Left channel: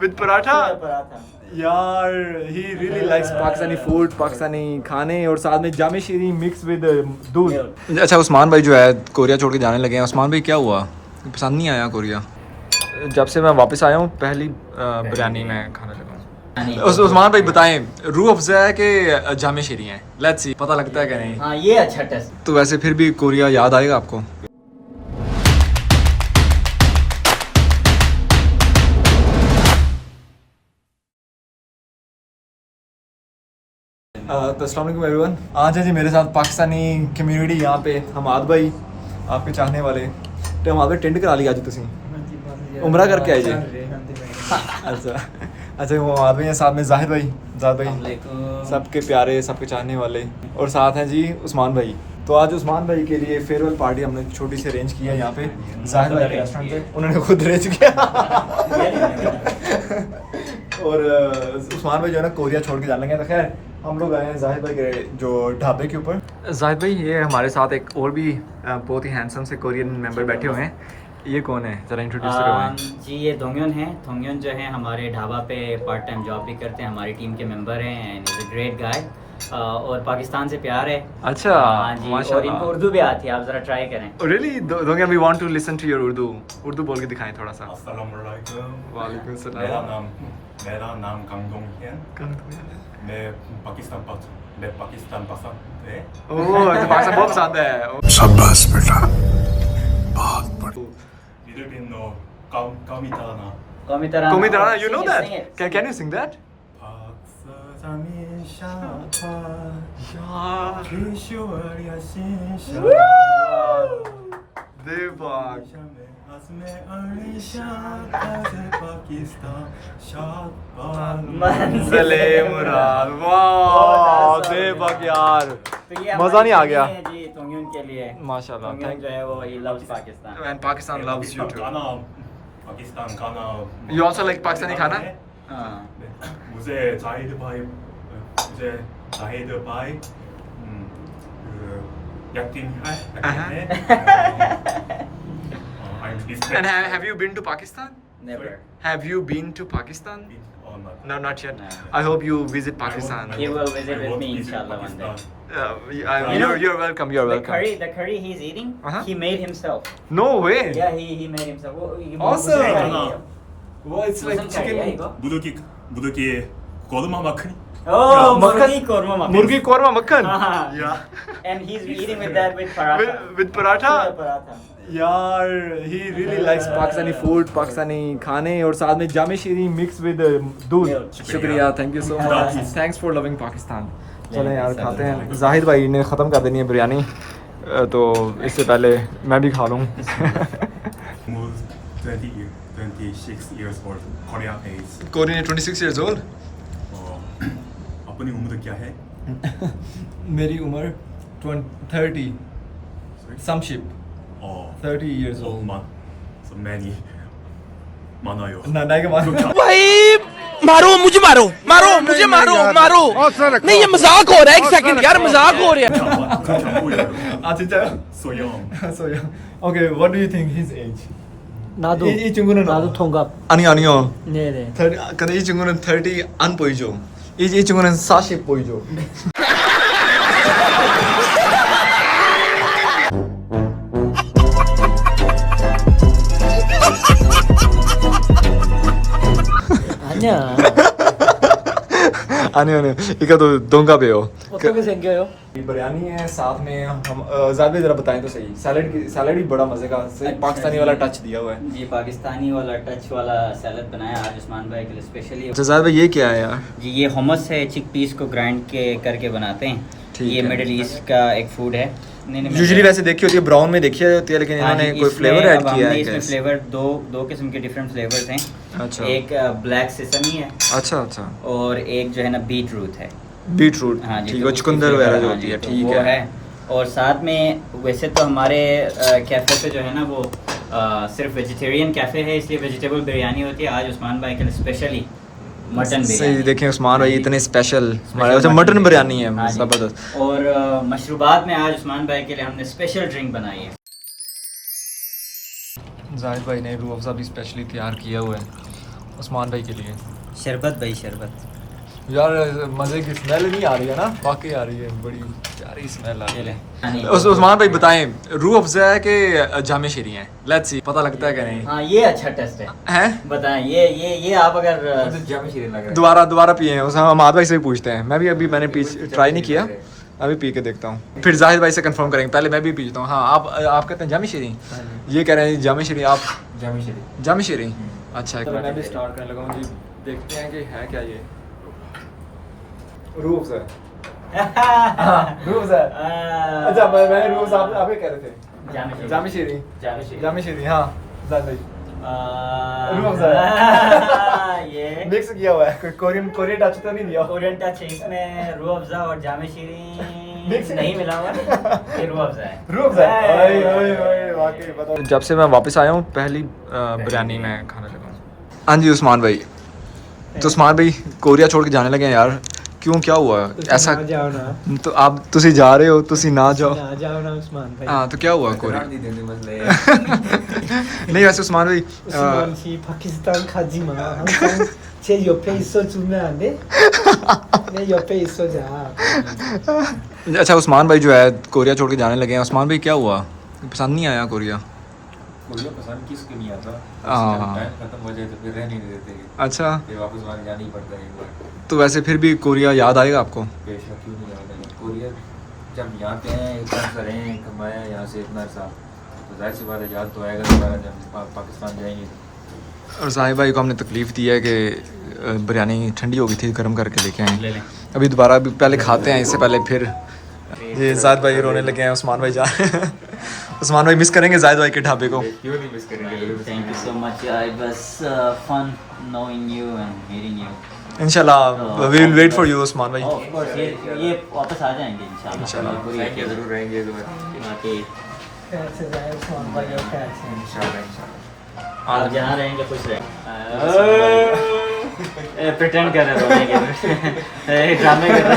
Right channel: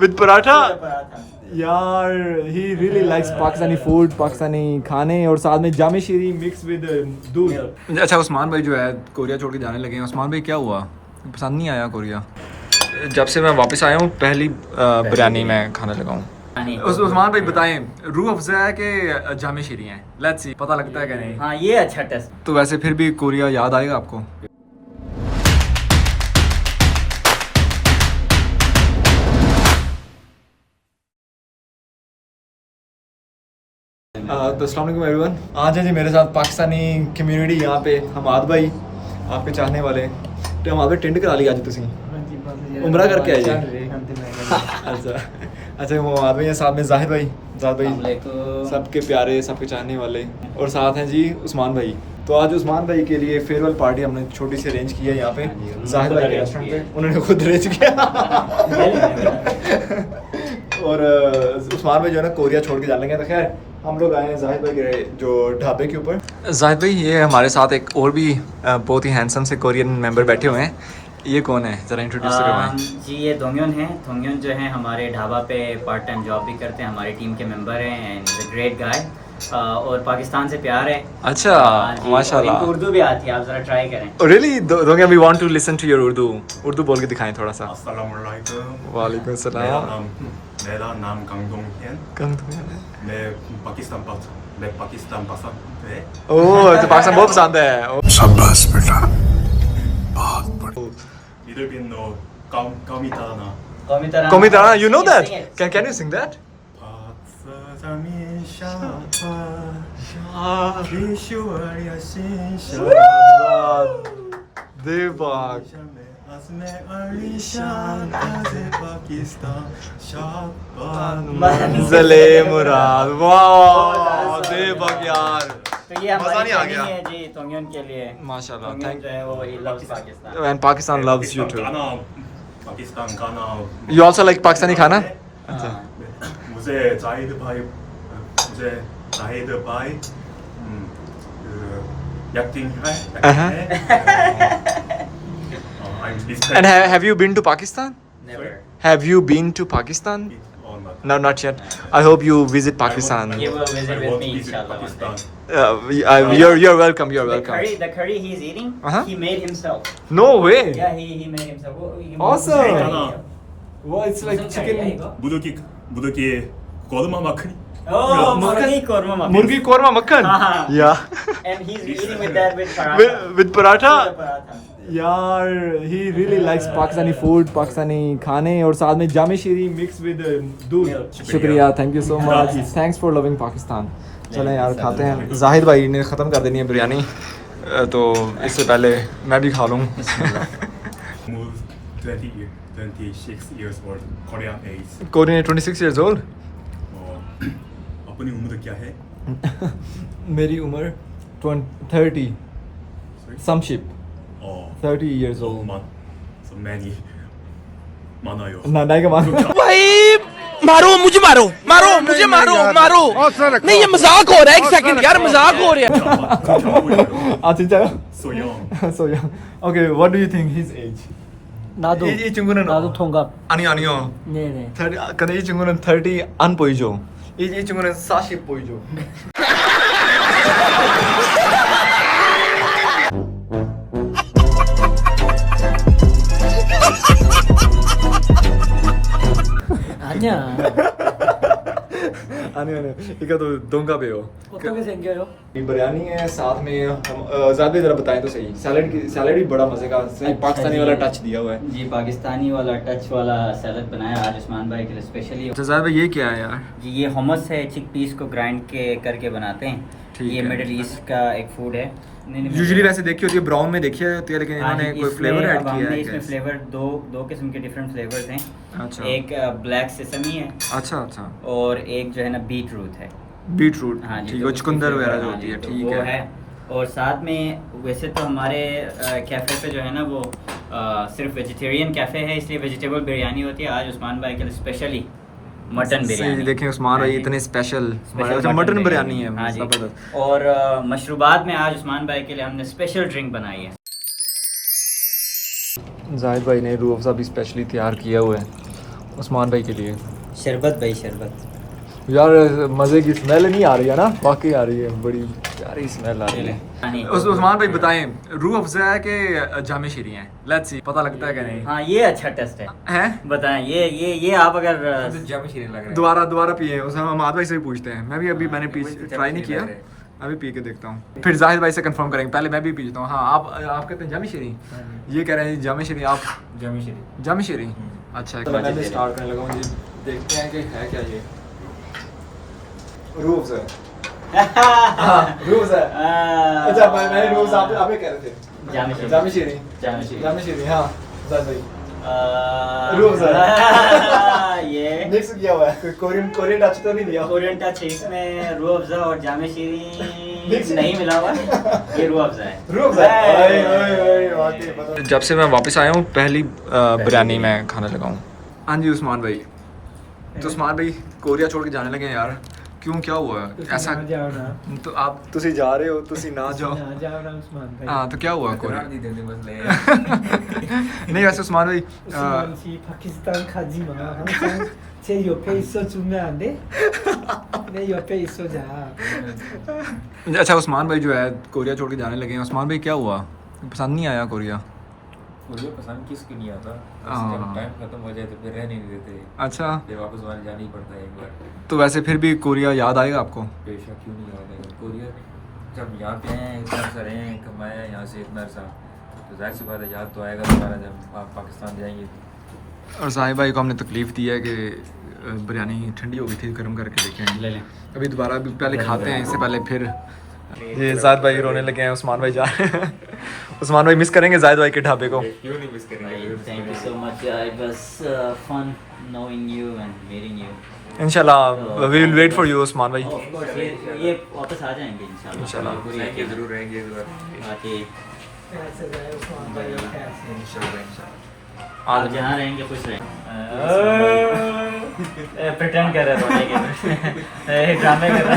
with paratha. यार he really likes Pakistani food, Pakistani खाने और साथ में जामे शीरी मिक्स विद दूध. अच्छा उस्मान भाई जो है कोरिया छोड़ के जाने लगे हैं. उस्मान भाई क्या हुआ, पसंद नहीं आया कोरिया? जब से मैं वापस आया हूँ पहली बिरयानी मैं खाने लगा हूँ. उस्मान भाई बताएं रूह अफ़ज़ा है कि जामे शीरी हैं? लेट्स सी, पता लगता है कि नहीं. हाँ ये अच्छा टेस्ट. तो वैसे फिर भी कोरिया याद आएगा आपको? तो अस्सलाम वालेकुम एवरीवन. आज है जी मेरे साथ पाकिस्तानी कम्युनिटी यहाँ पे. हमाद भाई आपके चाहने वाले तो हमाद भाई टेंट करा लिया आज तुसी उमरा करके आइए. अच्छा अच्छा हमाद भाई हैं, साथ में जाहिद भाई सबके प्यारे सबके चाहने वाले, और साथ हैं जी उस्मान भाई. तो आज उस्मान भाई के लिए फेयरवेल पार्टी हमने छोटी सी अरेंज की है यहाँ पे जाहिद भाई के रेस्टोरेंट पे. उन्होंने खुद अरेंज किया. और उस्मान भाई जो है ना कोरिया छोड़ के जाने लगे. तो खैर हम लोग आए हैं जाहिद भाई के जो ढाबे के ऊपर. जाहिद भाई ये हमारे साथ एक और भी बहुत ही हैंडसम से कोरियन मेंबर बैठे हुए हैं. ये कौन है, ज़रा इंट्रोड्यूस करवाएं. जी ये दोंगयोन हैं. दोंगयोन जो है हमारे ढाबा पे पार्ट टाइम जॉब भी करते हैं, हमारी टीम के मेंबर हैं and is a great guy. और पाकिस्तान से प्यार है. अच्छा माशाल्लाह. इनको उर्दू भी आती है, आप ज़रा ट्राई करें. रियली दोंगयोन we want to listen to your Urdu बोल के दिखाएं थोड़ा सा. अस्सलामुअलैकुम. वालेकुम सलाम. मेरा नाम कंगदोंग है. मैं पाकिस्तान पसंद है. ओह तो पाकिस्तान बहुत पसंद है. शाबाश बेटा, बहुत बढ़िया. Little bit no Komitana. Komitana, you know that? Can you sing that? मंज़िले मुराद. वाह देवक यार, तो ये मज़ा नहीं आ गया जी दोंगयोन के लिए. माशाल्लाह. दोंगयोन थैंक जो है वो he loves Pakistan. And Pakistan loves you too. Pakistan गाना. You also like पाकिस्तानी खाना? अच्छा. मुझे जाहिद भाई एक्टिंग है. And have you been to Pakistan? Never. Have you been to Pakistan? or not? No, not yet. I hope you visit Pakistan. You will visit I with want me to visit inshallah. Pakistan. You're welcome. You're welcome. The curry he's eating, he made himself. No way. Yeah, he made himself. Awesome. Hey, Well, it's like chicken. 무더기 고르마 마크니. Oh, murgi korma makhan. Murgi korma makhan. Yeah. And he's eating with that with paratha. With paratha. Paratha. यार he really likes Pakistani food, Pakistani खाने और साथ में जामे शीरी mix with दूध. शुक्रिया, thank you so much. Thanks for loving Pakistan. चलें यार खाते हैं. जाहिद भाई ने ख़त्म कर देनी है बिरयानी, तो इससे पहले मैं भी खा लूँ. 26 years old, Korean age. Korean 26 years old. अपनी उम्र क्या है? मेरी उम्र 30 some ship. 30 years old. So many. मानायो. नहीं का मान. भाई मारो मुझे, मारो मुझे, मारो. नहीं ये मजाक हो रहा है. एक सेकंड यार, मजाक हो रहा है. अच्छा. So young. So young. Okay, what do you think his age? 나도 이 친구는 나도 통갑. 아니요. 네네. 30. 근데 이 친구는 30 안 보이죠. 이 친구는 40 보이죠. 아니야. 아니요. 이거 또 동갑이에요. 어떻게 생겨요? Biryani है साथ में हम ज़्यादा ज़रा बताएं तो सही. सैलेड भी बड़ा मज़े का, सही पाकिस्तानी वाला टच दिया हुआ है. जी पाकिस्तानी वाला टच वाला सैलड बनाया आज उस्मान भाई के लिए स्पेशली. अच्छा ज़्यादा ये क्या है यार? जी ये हमस है, चिक पीस को ग्राइंड करके बनाते हैं. ये मिडिल ईस्ट का एक फूड है. यूजुअली वैसे देखी होती है ब्राउन में देखी होती है, लेकिन इन्होंने कोई फ्लेवर ऐड किया है. इसमें फ्लेवर दो किस्म के डिफरेंट फ्लेवर्स हैं. अच्छा. एक ब्लैक सेसमी है. अच्छा. और एक जो है ना बीट रूट है. बीटरूट. हाँ जी, ठीक तो है, चुकंदर वगैरह जो हाँ होती जी, है. तो ठीक वो है. और साथ में वैसे तो हमारे कैफ़े पे जो है ना वो सिर्फ वेजिटेरियन कैफ़े है, इसलिए वेजिटेबल बिरयानी होती है. आज उस्मान भाई के लिए स्पेशली मटन सही बिरयानी। देखें उस्मान भाई इतने स्पेशल हमारे अच्छा मटन बिरयानी है हाँ जी। ज़बरदस्त। और मशरूबात में आज उस्मान भाई के लिए हमने स्पेशल ड्रिंक बनाई है। जाहिद भाई ने रूह अफ़ज़ा भी स्पेशली तैयार किया हुआ है उस्मान भाई के लिए। शरबत भाई शरबत। यार मज़े की स्मेल नहीं आ रही है ना, वाकई आ रही है, बड़ी प्यारी स्मेल आ रही है। उस्मान भाई बताएं रूह अफ़ज़ा है कि जामे शीरी हैं, लेट्स सी पता लगता है कि नहीं हाँ ये अच्छा टेस्ट है। हैं? बताएं ये आप अगर जामे शीरे लग रहा है। दोबारा पिए उस हम अमाद भाई से भी पूछते हैं, मैं भी अभी मैंने ट्राई नहीं किया, अभी पी के देखता हूँ फिर जाहिद भाई से कंफर्म करेंगे, पहले मैं भी पीता हूँ। हाँ आप कहते हैं जामी शीरी, ये कह रहे हैं जामी शीरी, आप जामे शीरे। जामी शीरी अच्छा है। मैं भी स्टार्ट करने लगा हूँ जी, देखते हैं कि है क्या ये रूह अफ़ज़ा। रूह अफ़ज़ा अच्छा मैंने रूह अफ़ज़ा आप कह रहे थे जामी शीरी हाँ जाहिद भाई रूह अफ़ज़ा ये मिक्स किया हुआ है, कोई कोरियन टच तो नहीं दिया। कोरियन टच है इसमें, रूह अफ़ज़ा और जामे शीरी Mix नहीं मिला हुआ, ये रूह अफ़ज़ा है। रूह अफ़ज़ा वाकई पता। जब से मैं वापस आया हूँ पहली बिरयानी मैं खाने लगा हूँ। हाँ जी उस्मान भाई, तो उस्मान भाई कोरिया छोड़ के जाने लगे हैं यार, क्यों क्या हुआ ऐसा? जाओ ना, तो आप तुसी जा रहे हो, तुसी ना जाओ। ना जाओ ना उस्मान भाई। हाँ तो क्या हुआ कोरिया? नहीं देंगे मसले। नहीं वैसे उस्मान भाई 우스만 씨 파키스탄 가지 마. 항상 제 옆에 있어주면 안 돼? 내 옆에 있어자. अच्छा उस्मान भाई जो है कोरिया छोड़ के जाने लगे हैं, उस्मान भाई क्या हुआ, पसंद नहीं आया कोरिया? मुझे पसंद किसको नहीं आता, हाँ। जब टाइम खत्म हो जाए तो फिर रहने नहीं देते, अच्छा फिर वापस वहाँ जाना ही पड़ता है एक बार। तो वैसे फिर भी कोरिया याद आएगा आपको? बेशक क्यों नहीं आता कोरिया, जब यहाँ पे हैं इतना सा रहे हैं, कमाया है यहाँ से इतना सा, तो जाहिर सी बात है याद तो आएगा हमारा जब पाकिस्तान जाएंगे। और साहिब भाई को हमने तकलीफ़ दी है कि बिरयानी ठंडी हो गई थी, गर्म करके लेके आए। ले लें। अभी दोबारा अभी पहले खाते हैं, इससे पहले फिर ये जाहिद भाई रोने लगे हैं, उस्मान भाई जा रहे हैं। उस्मान भाई मिस करेंगे जाहिद भाई के ढाबे को। क्यों नहीं मिस करेंगे? Thank you so much. It was fun knowing you and meeting you. इंशाल्लाह we will wait for you Usman bhai. Of course, ये वापस आ जाएंगे इंशाल्लाह। पूरी आएंगे ज़रूर रहेंगे एक बार बाकी कैसे रहे उस्मान भाई और कैसे? इंशाल्लाह। आप जहाँ रहेंगे खुश रहेंगे। प्रिटेंड कर रहे हो, ड्रामे कर रहे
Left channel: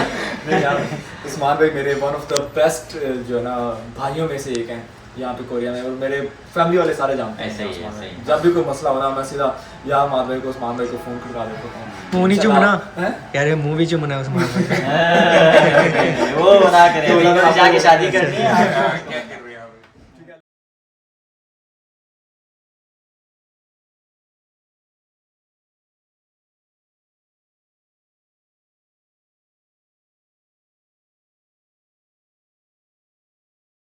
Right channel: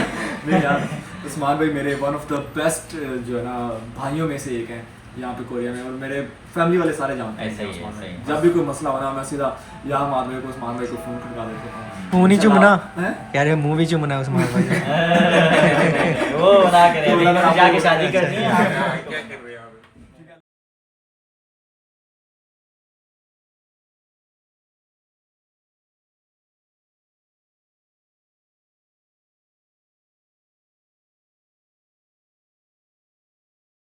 हैं। उस्मान भाई मेरे वन ऑफ द बेस्ट जो है ना भाइयों में से एक हैं यहाँ पे कोरिया में, और मेरे फैमिली वाले सारे जानते हैं ऐसे ही है, उस्मान भाई। ऐसे ही। जब भी कोई मसला हो ना मैं सीधा या उस्मान भाई को फ़ोन करा देता हूँ। मुंह नहीं चुमना हैं? यार, मुंह भी चुमना उस्मान भाई। वो ना करें, जाके शादी करनी है।